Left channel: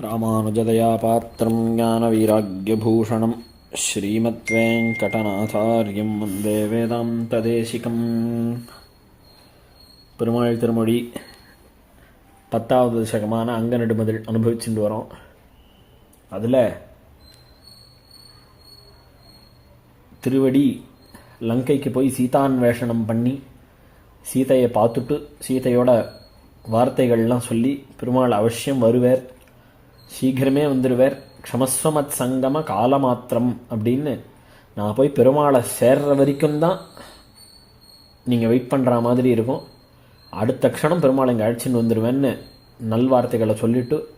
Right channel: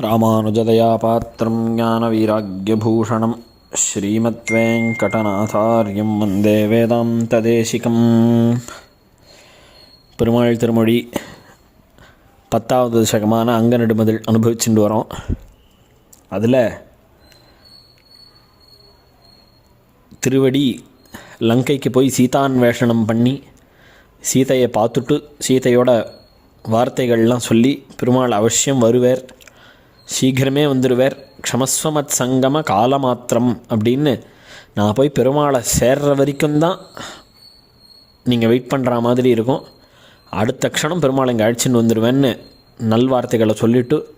ராமானுஜதயா பாத்திரம் ஞானவீராக்கியபூஷணம் ஸ்ரீமத்வேங்கடநாதாரியம் வந்தே வேதாந்ததேசிகம். பெருமாள் திருமொழி பத்தாவது தசகமான அங்க நெடுமதில் அனுபவிச்சுட்டு வரோம். அதில் திருவடி லங்கைக்கு போய் சீதான்வேஷனம் பண்ணி சீதையை பார்த்துட்டு சீதையோட வார்த்தைகள்லாம் சொல்லி பெருமாள் அவசியம் வருவேர். சீக்கிரமே வந்துடுவார் க்ஷமஸ்வமத் சங்கம காலமாத்திரம் அப்படின்னு நான் போய் பெருமாளை சேர்ற வரைக்கும் தான் நீங்கள் வெயிட் பண்ணுற மாதிரி இருக்கும். அடுத்த க்ஷணம் பெருமாள் இங்கே அழைச்சின்னு வந்துடுவேன்னு நல்வார்த்தைகளை சொல்லிவிட்டு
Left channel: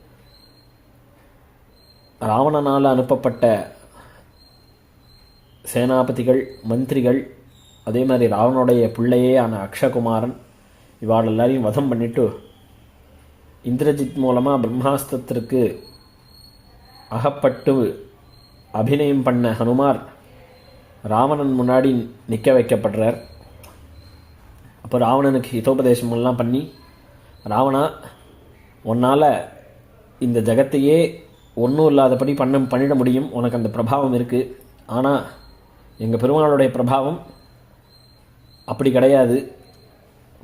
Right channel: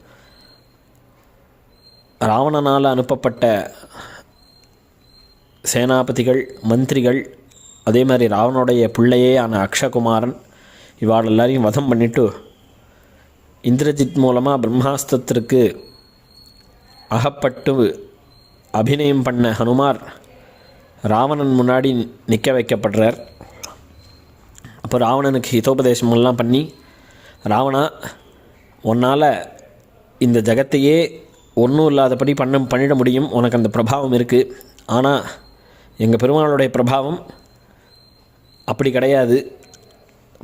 ராவணனால் அனுப்பப்பட்ட சேனாபதிகள் மந்திரிகள் அதே மாதிரி ராவனுடைய பிள்ளையே ஆன அக்ஷகுமாரன் இவாள் எல்லாரையும் வதம் பண்ணிவிட்டு இந்திரஜித் மூலமாக பிரம்மாஸ்திரத்திற்கு அகப்பட்டு அபிநயம் பண்ண ஹனுமார் ராவணன் முன்னாடி நிற்க வைக்கப்படுறார். அப்போ ராவணனுக்கு ஹிதோபதேசமெல்லாம் பண்ணி ராவணா உன்னால் இந்த ஜகத்தையே ஒன்றும் இல்லாதபடி பண்ண பண்ணிட முடியும். உனக்கு அந்த பிரபாவம் இருக்குது ஆனால் எங்கள் பெருமாளுடைய பிரபாவம் அப்படி கிடையாது.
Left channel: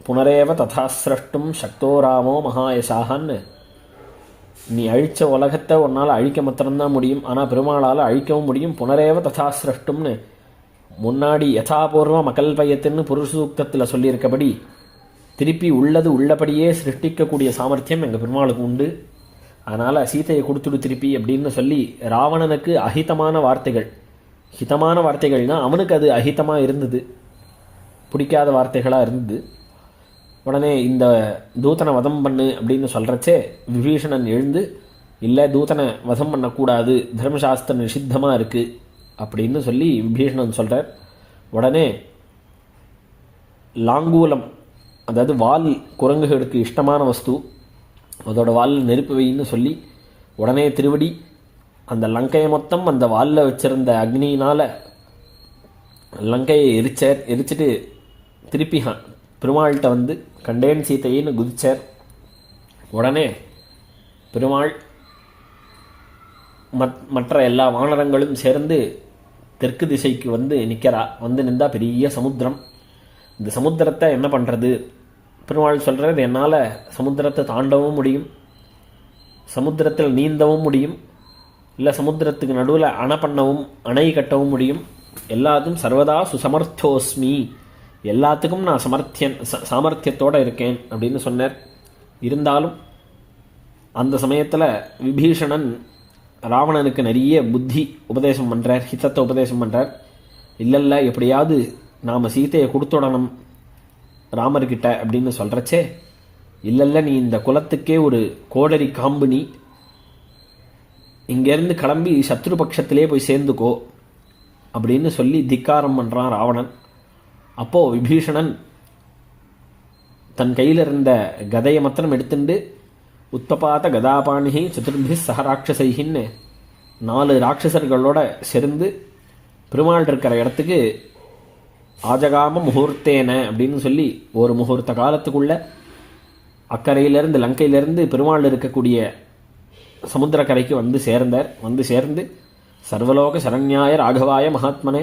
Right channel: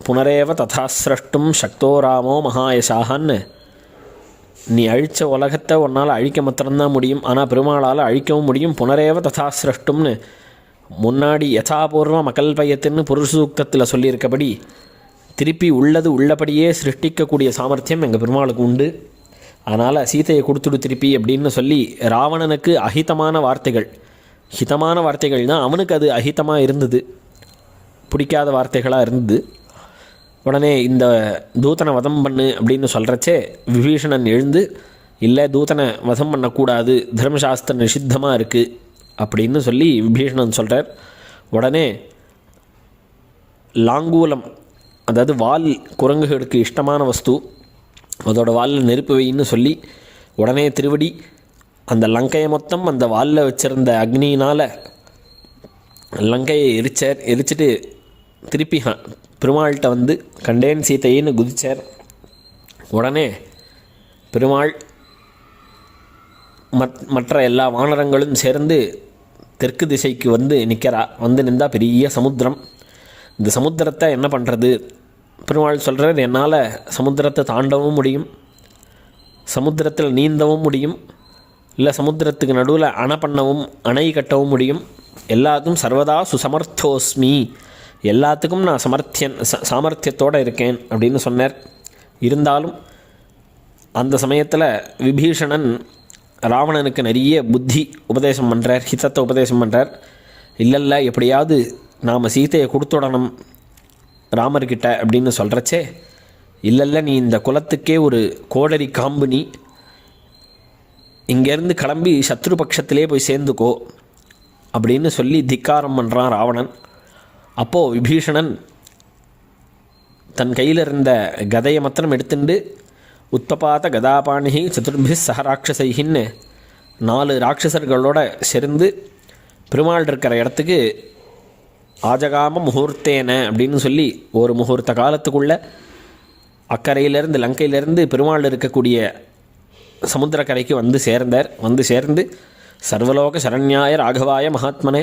புனரேவ ததா சிரஷ்டும் சக்தோ ராமோ மகாயசாகன்னு நீ அழித்த உலகத்தை உன்னால் அழிக்க மாத்திரம்தான் முடியும். ஆனால் பெருமாளால் அழிக்கவும் முடியும். புனரேவ ததா சிரஷ்டும்னு. முன்னாடி யதாபூர்வ மகல்பயத்துன்னு புருஷசூக்தத்தில் சொல்லியிருக்கபடி திருப்பி உள்ளது உள்ளபடியே சிருஷ்டிக்கக்கூடிய சாமர்த்தியம் எங்கள் பெருமாளுக்கு உண்டு. அதனால் சீதையை கொடுத்துடு திருப்பி அப்படின்னு சொல்லி ராவணனுக்கு அஹிதமான வார்த்தைகள். ஹிதமான வார்த்தைகள்னால் அவனுக்கு அது அஹிதமாக இருந்தது. பிடிக்காத வார்த்தைகளாக இருந்தது. உடனே இந்த தூதனை வதம் பண்ணு அப்படின்னு சொல்கிறச்சே விபீஷணன் எழுந்து இல்லை தூதனை வதம் பண்ணக்கூடாது. தர்மசாஸ்திர நிஷித்தமாக இருக்குது அப்படின்னு சொல்லி விபீஷணன் சொல்கிறார் உடனே லாங்கூலம் அதாவது வால் குரங்குகளுக்கு இஷ்டமான வஸ்து அதோட வாலில் நெருப்பு வைன்னு சொல்லி உடனே திருவடி அந்த லங்கையை மொத்தம் அந்த வாலில் வச்சுருந்த அக்னியினால் லங்கையை எரிச்சார் எரிச்சிட்டு திருப்பி பெருமாள்கிட்ட வந்து கண்டேன் சீத்தையின்னு குதித்தார் உடனே பெருமாள் மத் மற்ற எல்லா வானரங்களும் சேர்ந்து தெற்கு திசைக்கு வந்து நிற்கிறா. வந்து நின்றா பெரிய சமுத்திரம். இந்த சமுத்திரத்தை என்ன பண்ணுறது பெருமாள் சொல்கிறார் என்னால் சமுத்திரத்தை தாண்டவும் முடியும். சமுத்திரத்தில் நீந்தவும் முடியும். இல்லை சமுத்திரத்துக்கு நடுவில் அணை பண்ணவும் அணை கட்டவும் முடியும். எல்லாத்துக்கும் சர்வதா சுசமர்த்தோஸ்மி. எல்லாத்துக்கும் நான் சமர்த்தியன் ச சாமர்த்தியத்தோடு இருக்கேன் அப்படின்னு சொன்னார். இருந்தாலும் அந்த சமயத்தில் விபீஷணன் ராவணனுக்கு நிறைய புத்தி உபதேசம் பண்ணுறார் ஹிதத்தை உபதேசம் பண்ணுறார் இல்லைல்ல எப்படியாவது நாம் சீதையை கொடுத்துடணும் ராமர்கிட்ட அப்படின்னு சொல்கிறச்சே இல்லைல்ல நீ இந்த குலத்துக்கே ஒரு கோடரி காம்பு நீ. இங்கேருந்து கிளம்பி சத்ரு பட்சத்திலே போய் சேர்ந்துக்கோ அப்படின்னு சொல்லி திக்காரம் பண்ணுறான் ராவணன். அப்போது விபீஷணன் தன் கையில் இருந்த கதையை மாத்திரம் எடுத்துண்டு உத்தபாத கதாபாணிகி சதுர்பி சகராட்சசைகின்னு நாலு ராட்சசர்களோட சேர்ந்து பெருமாள் இருக்கிற இடத்துக்கு ஆஜகாம முகூர்த்தேன அப்படின்னு சொல்லி ஒரு முகூர்த்த காலத்துக்குள்ள அக்கறையிலேருந்து லங்கையிலேருந்து பெருமாள் இருக்கக்கூடிய சமுத்திரக்கரைக்கு வந்து சேர்ந்தார். வந்து சேர்ந்து சர்வலோக சரண்யாய ராகவாய மகாத்மனே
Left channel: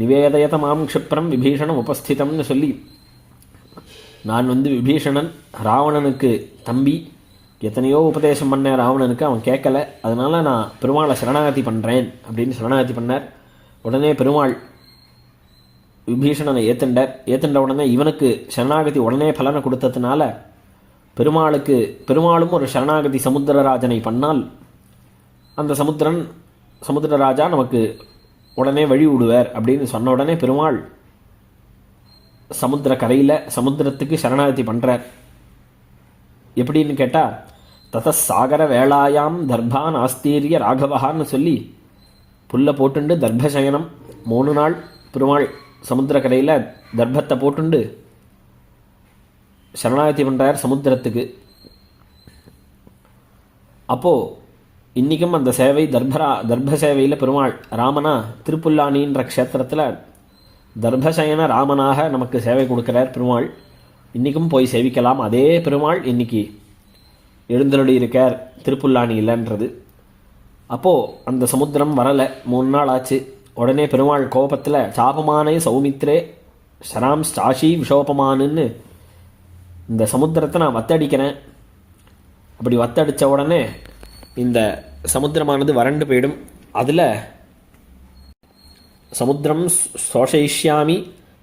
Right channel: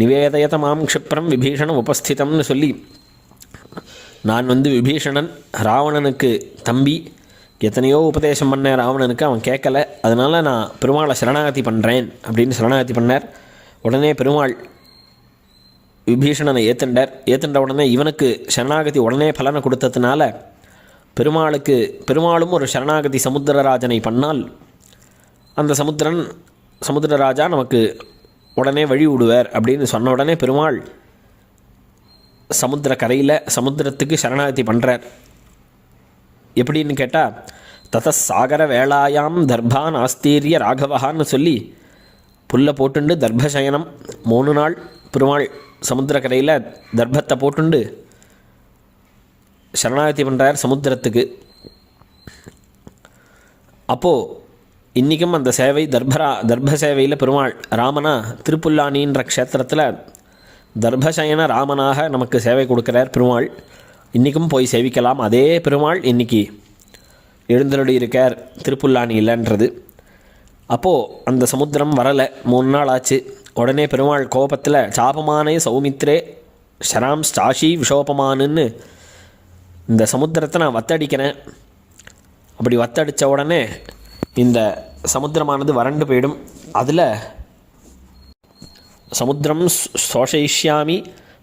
நிவேதயத மாம் க்ஷிப்ரம் விபீஷணம் உபஸ்திதம்னு சொல்லி நான் வந்து விபீஷணன் ராவணனுக்கு தம்பி எத்தனையோ உபதேசம் பண்ணேன் ராவணனுக்கு அவன் கேட்கல. அதனால் நான் பெருமாளை சரணாகதி பண்ணுறேன் அப்படின்னு சரணாகதி பண்ணார். உடனே பெருமாள் விபீஷணனை ஏத்துண்டார். ஏத்துண்ட உடனே இவனுக்கு சரணாகதி உடனே பலனை கொடுத்ததுனால பெருமாளுக்கு பெருமாளும் ஒரு சரணாகதி சமுத்திரராஜனை பண்ணால் அந்த சமுத்திரன் சமுத்திரராஜா நமக்கு உடனே வழி விடுவார் அப்படின்னு சொன்ன உடனே பெருமாள் சமுத்திர கரையில் சமுத்திரத்துக்கு சரணாகதி பண்ணுறார் எப்படின்னு கேட்டால் தத சாகர வேளாயாம் தர்பான் ஆஸ்தீரிய ராகவகான்னு சொல்லி புல்லை போட்டுண்டு தர்பசயனம் மூணு நாள் பெருமாள் சமுத்திரக்கரையில் தர்பத்தை போட்டுண்டு சரணாகதி பண்ணுறார் சமுத்திரத்துக்கு. அப்போது இன்றைக்கும் அந்த சேவை தர்பரா தர்ப சேவையில் பெருமாள் ராமனா திருப்புல்லானின்ற க்ஷேத்திரத்தில் தர்பசயன ராமனாக நமக்கு சேவை கொடுக்குறார் பெருமாள். இன்றைக்கும் போய் சேவிக்கலாம். அதே பெருமாள் இன்னைக்கு எழுந்தருளி இருக்கார் திருப்புல்லானி இல்லைன்றது. அப்போது அந்த சமுத்திரம் வரலை. மூணு நாள் ஆச்சு. உடனே பெருமாள் கோபத்தில் சாபமானே சௌமித்ரே ஷராம் ஸ்டாஷி விஷோபமானுன்னு இந்த சமுத்திரத்தை நான் வத்தடிக்கிறேன். அப்படி வத்தடித்த உடனே இந்த சமுத்திரமானது வறண்டு போயிடும். அதில் சமுத்திரம் சோஷயிஷ்யாமி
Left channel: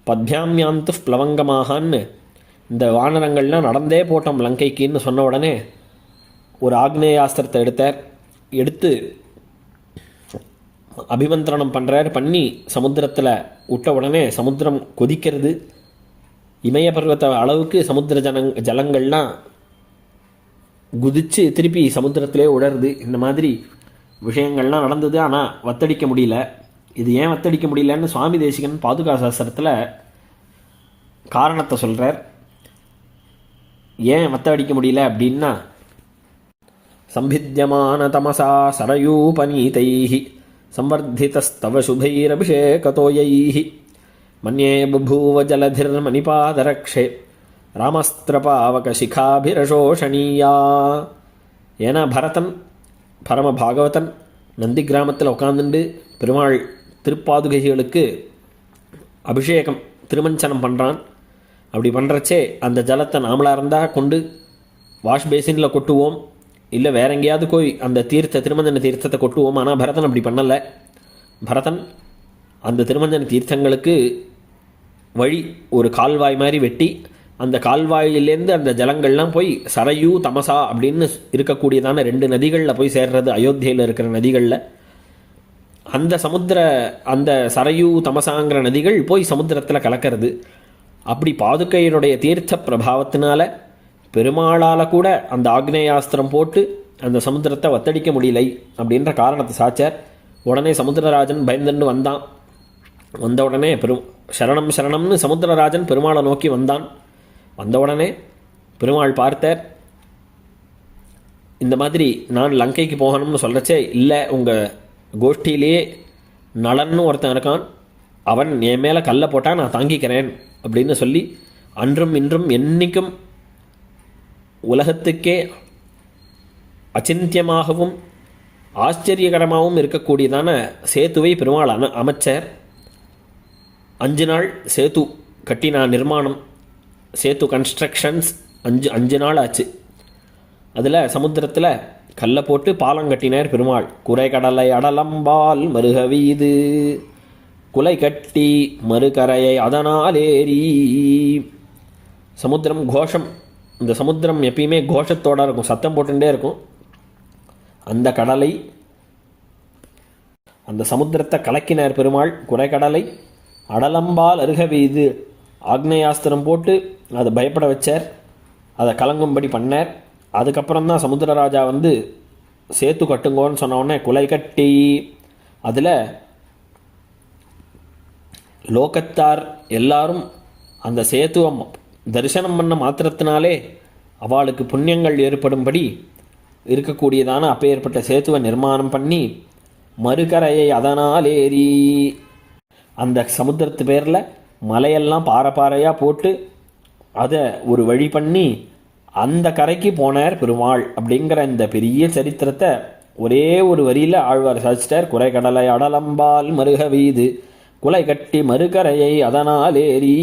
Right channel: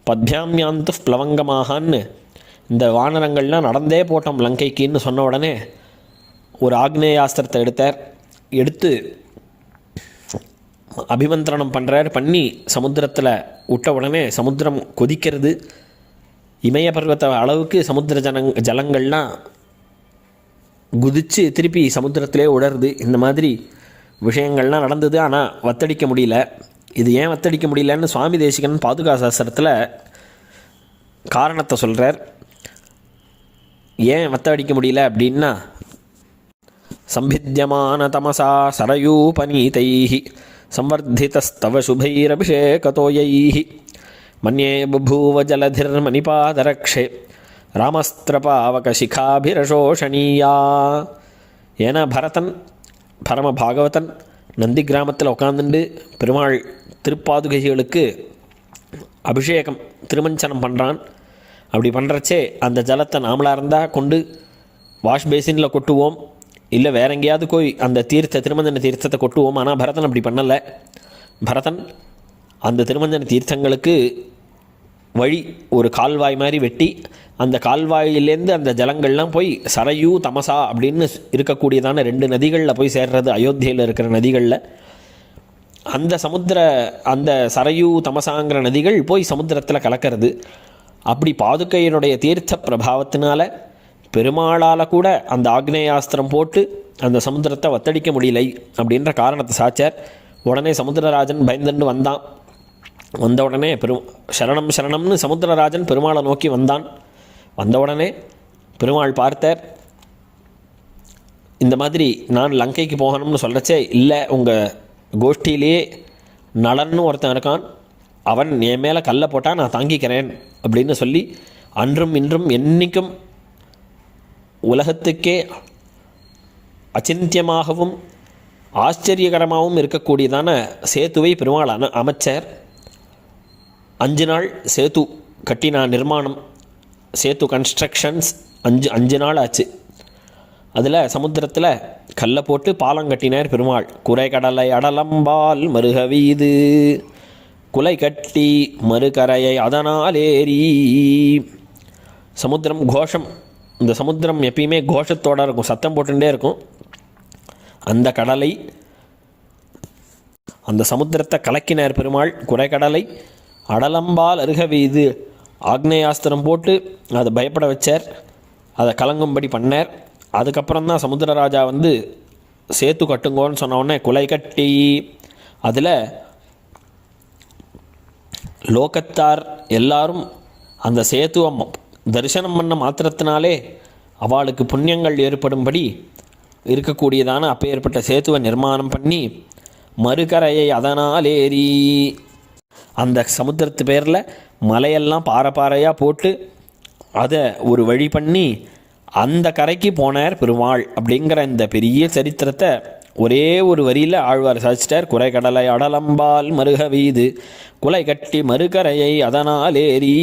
பத்யாமியாந்து பிளவங்கமாகான்னு இந்த வானரங்கள்லாம் நடந்தே போட்டோம் லங்கைக்குன்னு சொன்ன உடனே ஒரு ஆக்னேயாஸ்திரத்தை எடுத்தார். எடுத்து அபிமந்திரணம் பண்ணுறார் பண்ணி சமுத்திரத்தில் விட்ட உடனே சமுத்திரம் கொதிக்கிறது. இமய பர்வத அளவுக்கு சமுத்திர ஜனங் ஜலங்கள்லாம் குதித்து திருப்பி சமுத்திரத்திலே உடருது இந்த மாதிரி விஷயங்கள்லாம் நடந்தது. ஆனால் வத்தடிக்க முடியல. இது ஏன் வத்தடிக்க முடியலன்னு சுவாமி தேசிகன் பாதுகா சாஸ்திரத்தில் காரணத்தை சொல்கிறார் ஏன் வத்தடிக்க முடியல அப்படின்னா சம்பித்தியமான தமசா சரயூபநீதை சம்வர்த்தித்தவ சுபைரபிஷேகதோயை மன்யே புபூவ ஜலதிர்மணிபாதரக்ஷே ராமஸ்திரபாவகசிகாபிரசோஷணீயா ஏன்னா பரதன் பரம பாகவதன் நந்தி கிராமத்தில் உட்காந்துண்டு பெருமாள் திருப்பாதுகைகளுக்கு அபிஷேகம் திருமஞ்சனம் பண்ணுறான் அப்படி பண்ணுறச்சே அந்த ஜலத்தை நாமளாக இருந்தால் கொண்டு வாஷ் பேசினில் கொட்டுவோம். இல்லை வேற எங்கேயாவது போய் அந்த தீர்த்த திருமஞ்சன தீர்த்தத்தை கொட்டுவோம். ஆனால் பரதன் அப்படி பண்ணலை. பரதன் அந்த திருமஞ்சன தீர்த்தங்களுக்கு வழி ஒரு கால்வாய் மாதிரி வெட்டி அந்த கால்வாயிலேருந்து அந்த ஜலங்கள்லாம் போய் சரையூ தமசா அப்படின்னு இருக்கக்கூடியதான ரெண்டு நதிகளில் போய் சேர்றது அயோத்தியில் இருக்கிற நதிகளில். அந்த சமுத்திர அந்த சரையூ தமசாங்கிற நதிகள் போய் சமுத்திரத்தில் கலக்கிறது. அப்படி பாதுகையினுடைய தீர்த்த பிரபாவத்தினால பெருமாளால் கூட அந்த ஆக்னேயாஸ்திரம் போட்டு அந்த சமுத்திரத்தை ஒத்தடிக்க முடியலை அப்படின்ற காரணத்தை சாச்சார். உடனே சமுத்திரராஜன் பயந்துண்டு வந்தான். வந்த உடனே பெரும் சரணம் சரணம்னு சமுத்திரராஜன் பெருமாளை நோக்கி வந்தான். வந்த உடனே பெருமாள் பார்த்தார். இந்த மாதிரி நான் லங்கைக்கு போகணும்னு சொல்லச்சே இல்லை உங்கள் கோஷ்டியிலேயே நலன்னு ஒருத்தன் இருக்கான். அவன் என் மேலே கல்லை போட்டால் நான் தாங்கிக்கிறேன் அப்படின்னு சொல்லி அன்றும் இன்றும் என்னைக்கும் உலகத்துக்கே அச்சிந்தியமாகவும் ஆச்சரியகரமாகவும் இருக்கக்கூடியதான சேத்துவை பெருமாள் அமைச்சர். அஞ்சு நாள் சேத்து கட்டினா நிர்மாணம் சேத்து கன்ஸ்ட்ரக்ஷன்ஸ் அஞ்சு அஞ்சு நாள் ஆச்சு அதில் சமுத்திரத்தில் கல்லை போட்டு பாலம் கட்டினார் பெருமாள். குறை கடலை அடலம்பால் மருக வீது. குலை கட்டி மறுகரையை அதனால் ஏறி. சமுத்திரம் கோஷம். இந்த சமுத்திரம் எப்பயுமே கோஷத்தோடு இருக்கும் சத்தம் போட்டுட்டே இருக்கும். அந்த கடலை அந்த சமுத்திரத்தை கலக்கினார் பெருமாள். குறைக்கடலை அடலம்பால் அருக வீது. ஆக்னேயாஸ்திரம் போட்டு அதை பயப்பட வச்சார். அதை கலங்கும்படி பண்ணார். அதுக்கப்புறம் தான் சமுத்திரராஜா வந்து சேத்து கட்டுங்கோன்னு சொன்ன உடனே குலை கட்டி அதில் லோகத்தார் எல்லாரும் அந்த சேத்துவை தரிசனம் பண்ண மாத்திரத்தினாலே அவளுக்கு புண்ணியங்கள் ஏற்படும்படி இருக்கக்கூடியதான அப்பேற்பட்ட சேத்துவை நிர்மாணம் பண்ணி மறுகரையை ஏறி அந்த சமுத்திரத்து பேரில் மலையெல்லாம் பாறை பாறையாக போட்டு அதை ஒரு வழி பண்ணி அந்த கரைக்கு போனார் பெருமாள் அப்படிங்கிற இந்த பெரிய சரித்திரத்தை ஒரே ஒரு வரியில் ஆழ்வார் சாதிச்சிட்டார். குறை கடலை அடலம்பால் மருக வீது குலை கட்டி மறுகரையை அதனால் ஏறி.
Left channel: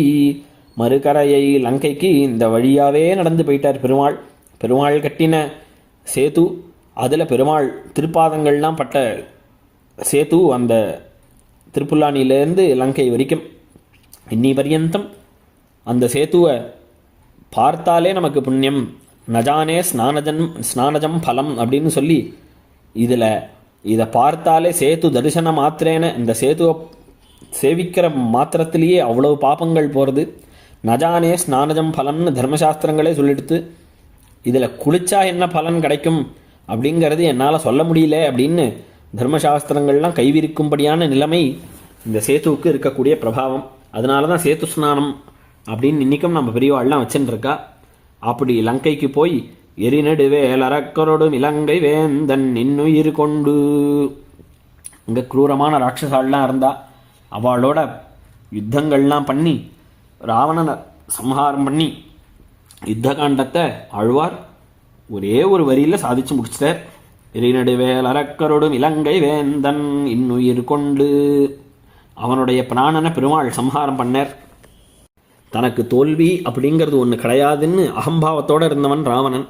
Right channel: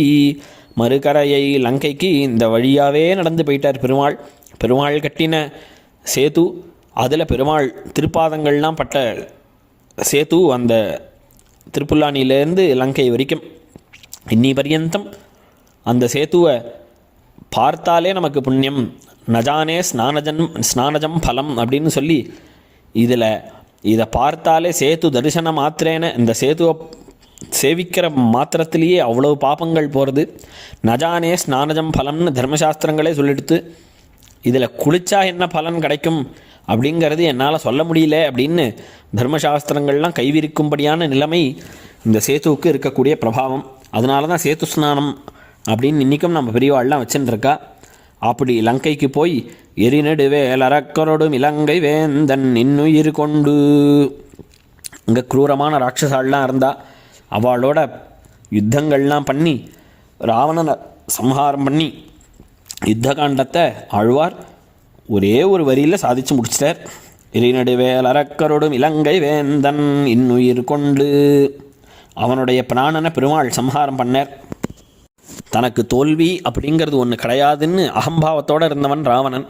மறுகரையை லங்கைக்கு இந்த வழியாகவே நடந்து போயிட்டார் பெருமாள். பெருமாள் கட்டின சேது அதில் பெருமாள் திருப்பாதங்கள்லாம் பட்ட சேது அந்த திருப்புல்லானியிலேருந்து லங்கை வரைக்கும் இன்னி பர்யந்தம் அந்த சேத்துவை பார்த்தாலே நமக்கு புண்ணியம். நஜானே ஸ்நானஜன் ஸ்நானஜம் பலம் அப்படின்னு சொல்லி இதில் இதை பார்த்தாலே சேத்து தரிசன மாத்திரேன இந்த சேத்துவை சேவிக்கிற மாத்திரத்திலேயே அவ்வளவு பாபங்கள் போகிறது நஜானே ஸ்நானஜம் ஃபலம்னு தர்மசாஸ்திரங்களே சொல்லிடுத்து இதில் குளிச்சா என்ன பலன் கிடைக்கும் அப்படிங்கிறது என்னால் சொல்ல முடியல அப்படின்னு தர்மசாஸ்திரங்கள்லாம் கைவிரிக்கும்படியான நிலைமை இந்த சேத்துவுக்கு இருக்கக்கூடிய பிரபாவம். அதனால தான் சேத்து ஸ்நானம் அப்படின்னு இன்றைக்கும் நம்ம பெரியவாள்லாம் வச்சுன்னு அப்படி லங்கைக்கு போய் எரிநடுவேலரக்கரோடும் இலங்கை வேந்தன் இன்னுயிர் கொண்டு. இங்கே குரூரமான ராட்சசாள்லாம் இருந்தா அவளோட யுத்தங்கள்லாம் பண்ணி ராவணனை சம்ஹாரம் பண்ணி யுத்த காண்டத்தை ஆழ்வார் ஒரே ஒரு வரியில் சாதிச்சு முடிச்சிட்டார். இறைநடுவேல் அரக்கரோடும் இலங்கை வேந்தன் இன்னுயிர் கொண்டு. அவனுடைய பிராணனை பெருமாள் சம்ஹாரம் பண்ணார். தனக்கு தோல்வி அப்படிங்கிறது ஒன்று கிடையாதுன்னு அகம்பாவத்தோடு இருந்தவன் ராவணன்.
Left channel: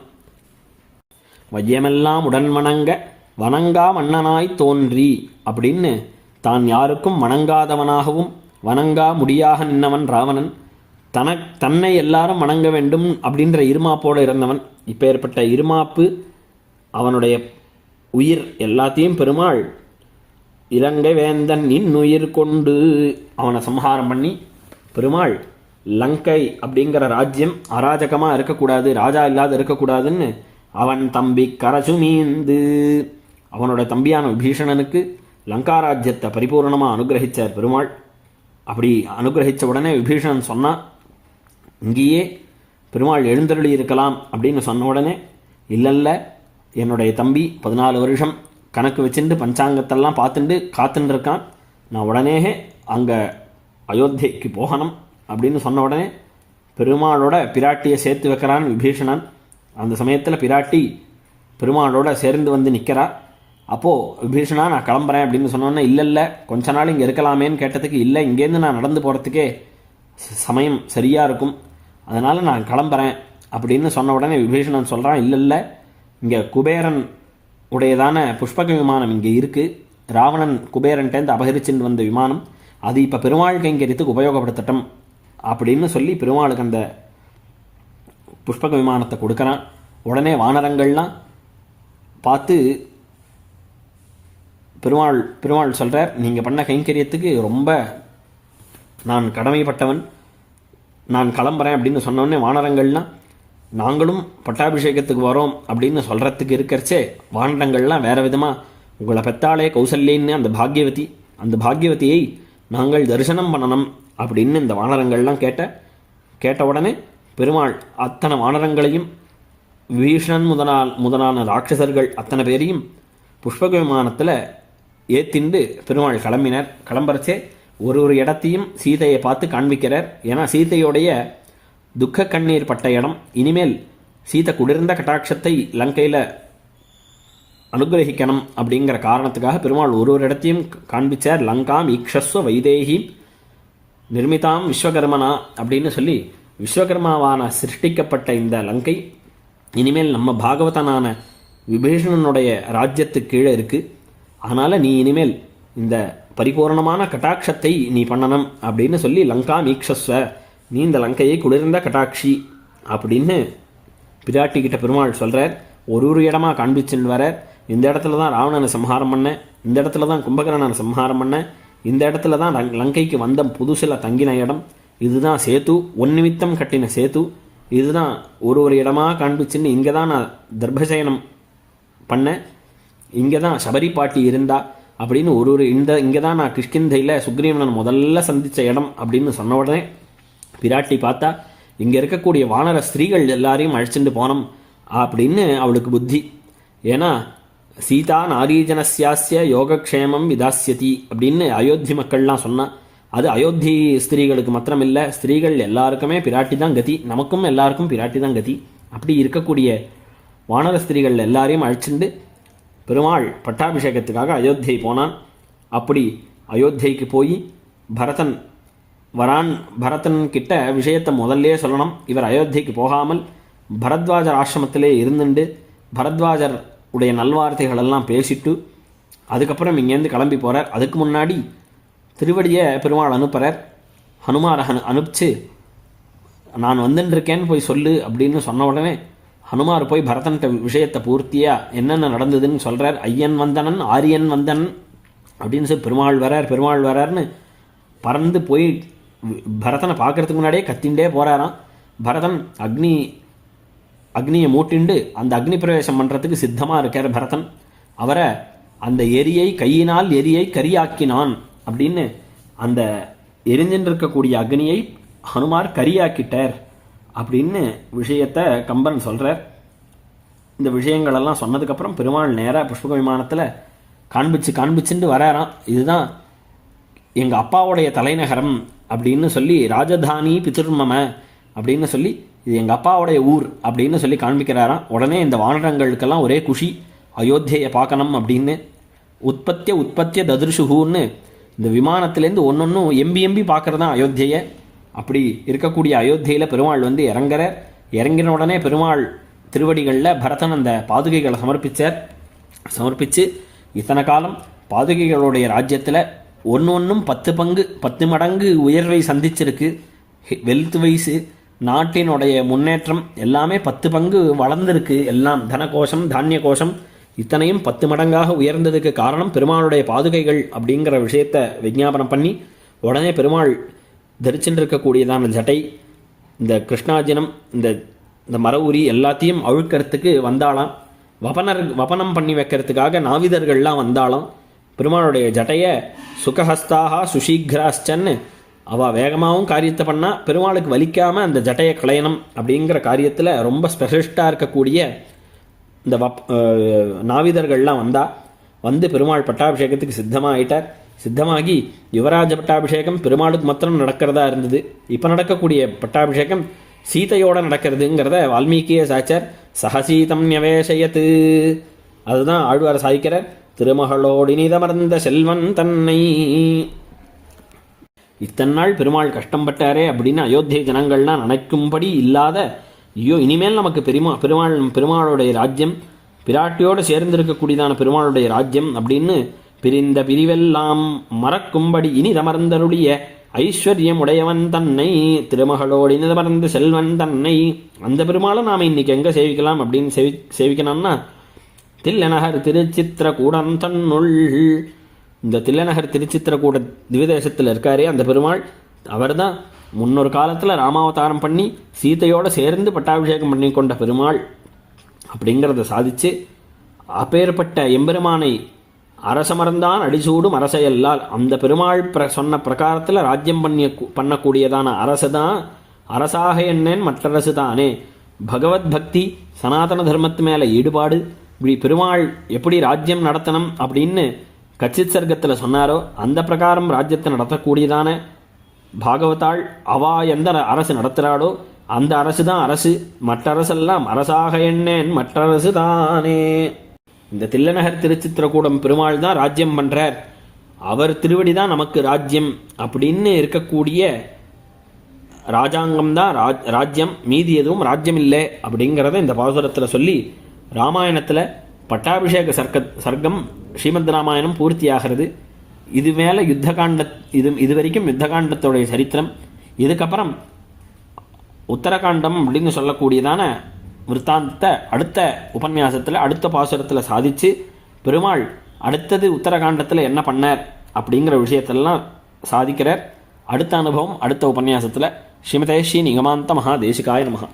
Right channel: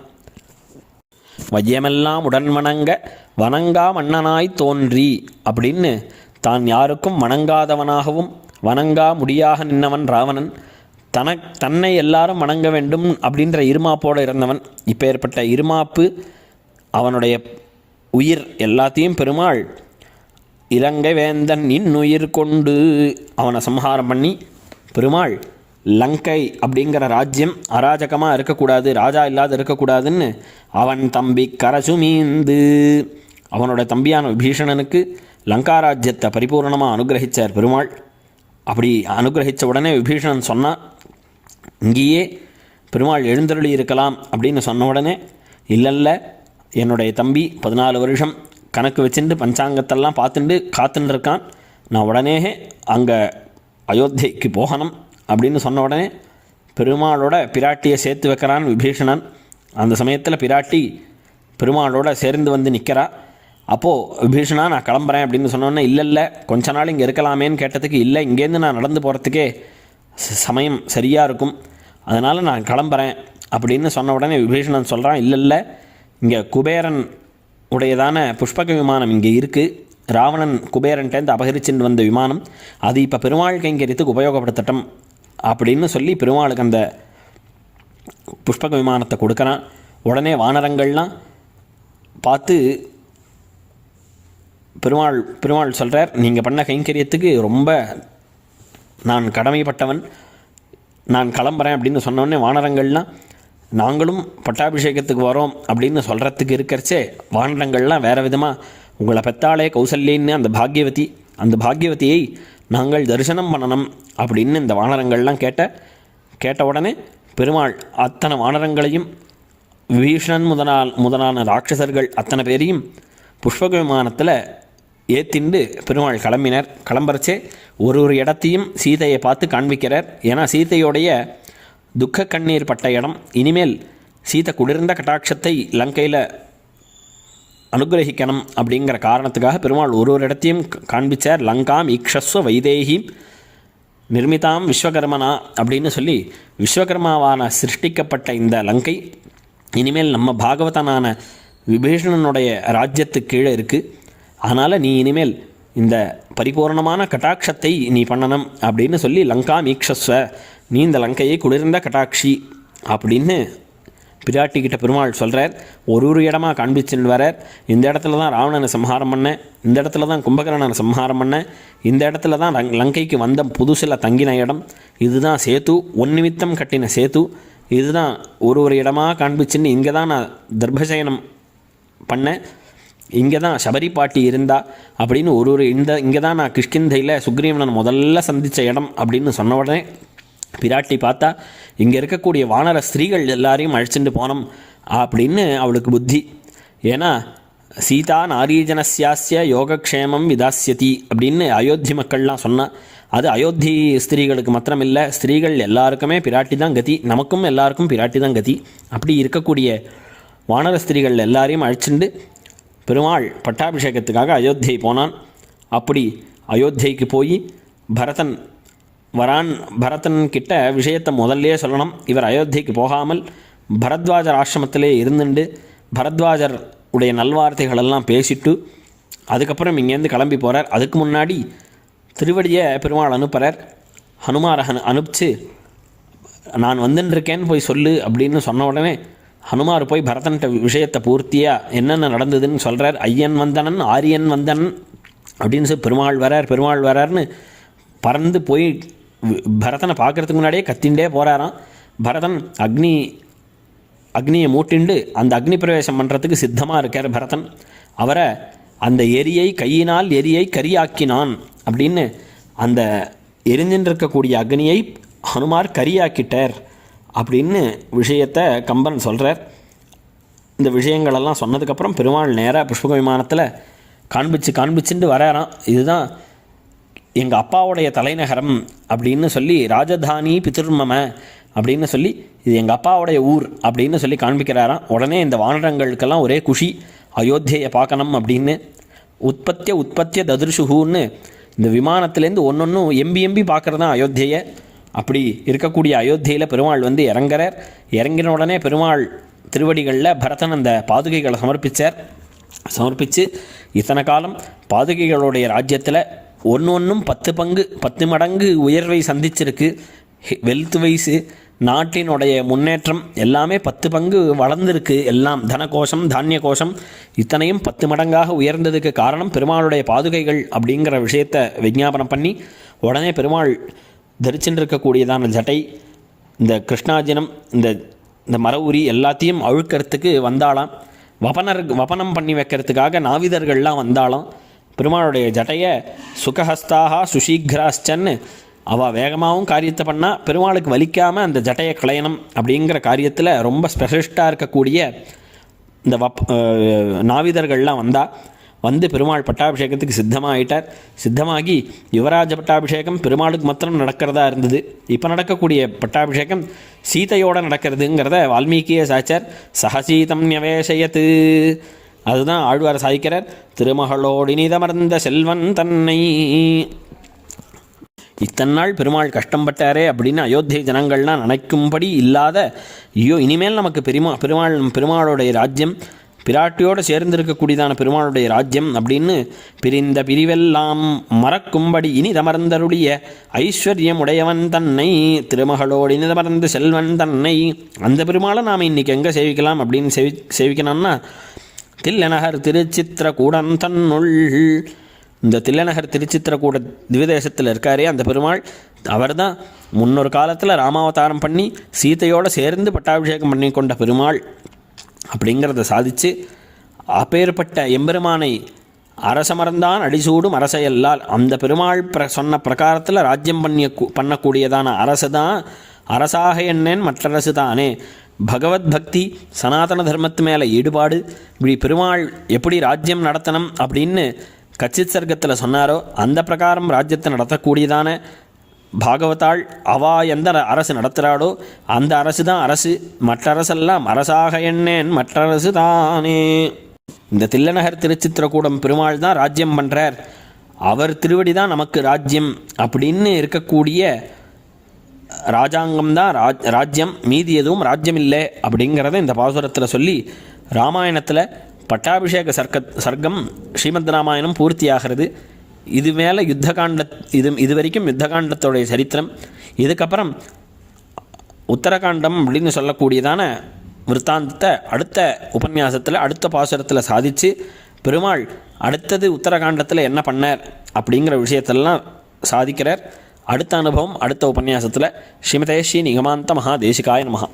வையமெல்லாம் உடன் வணங்க வணங்கா மன்னனாய் தோன்றி அப்படின்னு தான் யாருக்கும் வணங்காதவனாகவும் வணங்கா முடியாக நின்னவன் ராவணன். தனக் தன்னை எல்லாரும் வணங்க வேண்டும் அப்படின்ற இருமாப்போடு இருந்தவன். இப்போ ஏற்பட்ட இருமாப்பு அவனுடைய உயிர் எல்லாத்தையும் பெருமாள் இலங்கை வேந்தன் இன்னுயிர் கொண்டு. அவனை சம்ஹாரம் பண்ணி பெருமாள் லங்கை அப்படிங்கிற ராஜ்யம் அராஜகமாக இருக்கக்கூடாது ராஜா இல்லாத இருக்கக்கூடாதுன்னு அவன் தம்பி கரசுமீந்து அவனோட தம்பியான விபீஷணனுக்கு லங்கா ராஜ்யத்தை பரிபூர்ணமாக அனுகிரகித்தார் பெருமாள். அப்படி அனுகிரகித்த உடனே விபீஷணன் சொன்னான் இங்கேயே பெருமாள் எழுந்தருளி இருக்கலாம் அப்படின்னு சொன்ன உடனே இல்லைல்ல என்னுடைய தம்பி பதினாலு வருஷம் கணக்கு வச்சுட்டு பஞ்சாங்கத்தெல்லாம் பார்த்துட்டு காத்துன்னு இருக்கான் நான் உடனே அங்கே அயோத்தியைக்கு போகணும் அப்படின்னு சொன்ன உடனே பெருமாளோட பிராட்டியை சேர்த்து வைக்கிறான் விபீஷணன். அந்த சமயத்தில் பிராட்டி பெருமாளோட சேர்ந்து வந்து நிற்கிறா அப்போது விபீஷணா நான் கிளம்புறேன் அப்படின்னு சொன்னோன்னே இல்லை இல்லை கொஞ்ச நாள் இங்கே இருக்கலாமேன்னு கேட்டதுக்கு இல்லை இங்கேருந்து நான் நடந்து போகிறதுக்கே ச- சமயம் சரியாக இருக்கும். அதனால் நான் கிளம்புறேன் அப்படின்னு சொன்ன உடனே விபீஷணன் சொல்கிறான் இல்லை இல்லை இங்கே குபேரன் உடையதான புஷ்பக விமானம் இங்கே இருக்குது ராவணன் குபேரன்ட்டேருந்து அபகரிச்சுட்டு வந்த விமானம் அது இப்போ பெருமாள் கைங்கரியத்துக்கு உபயோகப்படுத்தட்டும் அப்படின்னு சொல்லி பெருமாளுக்கு அந்த புஷ்பக விமானத்தை கொடுக்குறான். உடனே வானரங்கள்லாம் பார்த்து பெருமாள் பெருமாள் சொல்கிறார் நீங்கள் பண்ண கைங்கரியத்துக்கு ரொம்ப நான் கடமைப்பட்டவன் நான் கிளம்புறேன் அப்படின்னு சொன்னோடனே வானரங்கள்லாம் நாங்களும் பட்டாபிஷேகத்துக்கு வரோம் அப்படின்னு சொல்கிறதுக்கு இருக்கிறச்சே வானரங்கள்லாம் வேறு விதமாக உங்களை பெத்தாளே கௌசல்யன்னு அந்த பாக்யவதி அந்த பாக்யவதியை நாங்கள் தரிசனம் பண்ணணும் அப்படின்னு இந்த வானரங்கள்லாம் கேட்ட கேட்ட உடனே பெருமாள் அத்தனை வானரங்களையும் விபீஷணன் முதனால் முதலான ராட்சசர்கள் அத்தனை பேரையும் புஷ்பக விமானத்தில் ஏத்திண்டு பெருமாள் கிளம்பினர். கிளம்புறச்சே ஒரு ஒரு இடத்தையும் சீதையை பார்த்து காண்பிக்கிறார். ஏன்னா சீதையோடைய துக்க கண்ணீர் பட்ட இடம். இனிமேல் சீத குளிர்ந்த கட்டாட்சத்தை லங்கையில் அனுகிரகிக்கணும் அப்படிங்கிற காரணத்துக்காக பெருமாள் ஒரு ஒரு இடத்தையும் காண்பிச்சார். லங்காம் ஈக்ஷஸ்வ வைதேகி நிர்மிதாம் விஸ்வகர்மனா அப்படின்னு சொல்லி விஸ்வகர்மாவான சிருஷ்டிக்கப்பட்ட இந்த லங்கை. இனிமேல் நம்ம பாகவதனான விபீஷணனுடைய ராஜ்யத்துக்கு கீழே இருக்குது அதனால் நீ இனிமேல் இந்த பரிபூர்ணமான கட்டாட்சத்தை நீ பண்ணணும் அப்படின்னு சொல்லி லங்கா மீக்ஷஸ்வ நீ இந்த லங்கையை குளிர்ந்த கட்டாட்சி அப்படின்னு பிராட்டி கிட்ட பெருமாள் சொல்கிறார் ஒரு ஒரு இடமா காண்பிச்சுன்னு வர இந்த இடத்துல தான் ராவணனை சம்ஹாரம் பண்ணேன் இந்த இடத்துல தான் கும்பகரணனை சம்ஹாரம் பண்ணேன் இந்த இடத்துல தான் லங்கைக்கு வந்த புதுசில் தங்கின இடம். இதுதான் சேத்து ஒன் நிமித்தம் கட்டின சேத்து. இதுதான் ஒரு ஒரு இடமா காண்பிச்சுன்னு இங்கே தான் நான் தர்பசயனம் பண்ணேன் இங்கே தான் சபரி பாட்டி இருந்தா அப்படின்னு ஒரு ஒரு இந்த இங்கே தான் நான் கிஷ்கிந்தையில் சுக்ரீவனன் முதல்ல சந்தித்த இடம் அப்படின்னு சொன்ன உடனே பிராட்டி பார்த்தா இங்கே இருக்கக்கூடிய வானர ஸ்திரீகள் எல்லாரையும் அழைச்சிட்டு போனோம் அப்படின்னு அவளுக்கு புத்தி. ஏன்னா சீதா நாரீஜனஸ்யாஸ்ய யோகக்ஷேமம் விதாசியதி அப்படின்னு அயோத்தி மக்கள்லாம் சொன்னான் அது அயோத்தி ஸ்திரீகளுக்கு மாத்திரம் இல்லை ஸ்திரீகள் எல்லாருக்குமே பிராட்டி தான் கதி நமக்கும் எல்லாருக்கும் பிராட்டி தான் கதி. அப்படி இருக்கக்கூடிய வானர ஸ்திரீகள் எல்லாரையும் அழைச்சிண்டு பெருமாள் பட்டாபிஷேகத்துக்காக அயோத்தியை போனான். அப்படி அயோத்தியைக்கு போய் பரதன் வரான் பரதன் கிட்ட விஷயத்தை முதல்லயே சொல்லணும். இவர் அயோத்தியைக்கு போகாமல் பரத்வாஜர் ஆசிரமத்திலே இருந்துண்டு பரத்வாஜர் உடைய நல்வார்த்தைகள் எல்லாம் பேசிட்டு அதுக்கப்புறம் இங்கேருந்து கிளம்பி போகிறார் அதுக்கு முன்னாடி திருவடியை பெருமாள் அனுப்புகிறார் ஹனுமார் அனு அனுப்பிச்சு நான் வந்துட்டுருக்கேன்னு போய் சொல்லு அப்படின்னு சொன்ன உடனே ஹனுமார் போய் பரதன்கிட்ட விஷயத்தை பூர்த்தியாக என்னென்ன நடந்ததுன்னு சொல்கிறார் ஐயன் வந்தனன் ஆரியன் வந்தனன் அப்படின்னு சொல்லி பெருமாள் வரார் பெருமாள் வரார்னு பறந்து போய் பரதனை பார்க்கறதுக்கு முன்னாடியே கத்திண்டே போகிறாராம் பரதன் அக்னி அக்னியை மூட்டிண்டு அந்த அக்னி பிரவேசம் பண்ணுறதுக்கு சித்தமாக இருக்கார் பரதன். அவரை அந்த எரியை கையினால் எரியை கரியாக்கினான் அப்படின்னு அந்த எரிஞ்சின் இருக்கக்கூடிய அக்னியை ஹனுமார் கரியாக்கிட்டார் அப்படின்னு விஷயத்தை கம்பன் சொல்கிறார் இந்த விஷயங்களெல்லாம் சொன்னதுக்கப்புறம் பெருமாள் நேராக புஷ்பக விமானத்தில் காண்பிச்சு காண்பிச்சுட்டு வராராம். இதுதான் எங்கள் அப்பாவுடைய தலைநகரம் அப்படின்னு சொல்லி ராஜதானி பிதிர்மம அப்படின்னு சொல்லி இது எங்கள் அப்பாவுடைய ஊர் அப்படின்னு சொல்லி காண்பிக்கிறாராம். உடனே இந்த வானரங்களுக்கெல்லாம் ஒரே குஷி அயோத்தியை பார்க்கணும் அப்படின்னு உற்பத்திய உற்பத்திய ததிர்ஷுகுன்னு இந்த விமானத்துலேருந்து ஒன்றொன்றும் எம்பி எம்பி பார்க்குறது தான் அயோத்தியை. அப்படி இருக்கக்கூடிய அயோத்தியில் பெருமாள் வந்து இறங்குறார். இறங்கின உடனே பெருமாள் திருவடிகளில் பரதன் அந்த பாதுகைகளை சமர்ப்பித்தார் சமர்ப்பித்து இத்தனை காலம் பாதுகைகளுடைய ராஜ்யத்தில் ஒன்று ஒன்றும் பத்து பங்கு பத்து மடங்கு உயர்வை சந்திச்சிருக்கு. வெல்த் வைஸு நாட்டினுடைய முன்னேற்றம் எல்லாமே பத்து பங்கு வளர்ந்துருக்கு. எல்லாம் தனகோஷம் தானிய கோஷம் இத்தனையும் பத்து மடங்காக உயர்ந்ததுக்கு காரணம் பெருமாளுடைய பாதுகைகள் அப்படிங்கிற விஷயத்தை விஞ்ஞாபனம் பண்ணி உடனே பெருமாள் தரிச்சுட்டு இருக்கக்கூடியதான ஜட்டை இந்த கிருஷ்ணாஜனம் இந்த இந்த மர உரி எல்லாத்தையும் அழுக்கிறதுக்கு வந்தாலாம் வபனர் வபனம் பண்ணி வைக்கிறதுக்காக நாவிதர்கள்லாம் வந்தாலும் பெருமாளுடைய ஜட்டையை சுகஹஸ்தாக சுஷீக்ராஸ்டன்னு அவள் வேகமாகவும் காரியத்தை பண்ணால் பெருமாளுக்கு வலிக்காமல் அந்த ஜட்டையை களையணும் அப்படிங்கிற காரியத்தில் ரொம்ப ஸ்பெஷலிஸ்ட்டாக இருக்கக்கூடிய இந்த வப் நாவிதர்கள்லாம் வந்தால் வந்து பெருமாள் பட்டாபிஷேகத்துக்கு சித்தமாயிட்டார். சித்தமாகி யுவராஜ பட்டாபிஷேகம் பெருமாளுக்கு மாத்திரம் நடக்கிறதா இருந்தது. இப்போ நடக்கக்கூடிய பட்டாபிஷேகம் சீதையோட நடக்கிறதுங்கிறத வால்மீகியே சாச்சார். சகசீதம் நியவேசயத்து அதுதான் ஆழ்வார் சாய்க்கிறார் திருமகளோடினிதமர்ந்த செல்வன் தன்னை. இத்தனை நாள் பெருமாள் கஷ்டப்பட்டாரே அப்படின்னு அயோத்தியை ஜனங்கள்லாம் நினைக்கும்படி இல்லாத ஐயோ இனிமேல் நமக்கு பெருமா பெருமாள் பெருமாளுடைய ராஜ்யம் பிராட்டியோடு சேர்ந்திருக்கக்கூடியதான பெருமாளுடைய ராஜ்யம் அப்படின்னு பிரிந்த பிரிவெல்லாம் மறக்கும்படி இனிதமர்ந்தருடைய ஐஸ்வர்யம் உடையவன் தன்னை திருமகளோடு இனிதமர்ந்த செல்வன் தன்னை. அந்த பெருமாளை நாம் இன்னைக்கு எங்கே சேவிக்கலாம் அப்படின்னு சேவி சேவிக்கணும்னா தில்லநகர் திருச்சித்திரகூடன் தன்னுள். இந்த தில்லநகர் திருச்சித்திரகூட திவிதேசத்தில் இருக்காரே அந்த பெருமாள். அவர் தான் முன்னொரு காலத்தில் ராமாவதாரம் பண்ணி சீதையோடு சேர்ந்து பட்டாபிஷேகம் பண்ணி கொண்ட பெருமாள். அப்படிங்கிறத சாதித்து அப்பேற்பட்ட எம்பெருமானை அரசமர்ந்தான் அடிசூடும் அரசையல்லால் அந்த பெருமாள் பிர சொன்ன பிரகாரத்தில் ராஜ்யம் பண்ணிய பண்ணக்கூடியதான அரசு தான் அரசாக என்னேன் மற்றரசு தானே பகவத் பக்தி சனாதன தர்மத்து மேலே ஈடுபாடு இப்படி பெருமாள் எப்படி ராஜ்யம் நடத்தணும் அப்படின்னு கச்சித் சர்க்கத்தில் சொன்னாரோ அந்த பிரகாரம் ராஜ்யத்தை நடத்தக்கூடியதான பாகவதாள் அவா எந்த அரசு நடத்துகிறாளோ அந்த அரசு தான் அரசு. மற்ற அரசெல்லாம் அரசாக எண்ணேன் மற்ற அரசு தானே இந்த தில்லநகர் திருச்சித்திரக்கூடம் பெருமாள் தான் ராஜ்யம் பண்ணுறார் அவர் திருவடி தான் நமக்கு ராஜ்யம் அப்படின்னு இருக்கக்கூடிய ராஜாங்கம் தான் ராஜ் ராஜ்யம் மீதி எதுவும் ராஜ்யம் இல்லை அப்படிங்கிறத இந்த பாசுரத்தில் சொல்லி ராமாயணத்தில் பட்டாபிஷேக சர்க்க சர்க்கம் ஸ்ரீமத் ராமாயணம் பூர்த்தியாகிறது. இது மேலே யுத்தகாண்ட இது இது வரைக்கும் யுத்தகாண்டத்தோடைய சரித்திரம். இதுக்கப்புறம் உத்தரகாண்டம் அப்படின்னு சொல்லக்கூடியதான விற்த்தாந்தத்தை அடுத்த உபன்யாசத்தில் அடுத்த பாசுரத்தில் சாதித்து பெருமாள் அடுத்தது உத்தரகாண்டத்தில் என்ன பண்ணார் அப்படிங்கிற விஷயத்தெல்லாம் சாதிக்கிறார். அடுத்த அனுபவம் அடுத்த உபன்யாசத்தில் ஸ்ரீமதே ஸ்ரீ நிகமாந்த மகா தேசிகாய நமகா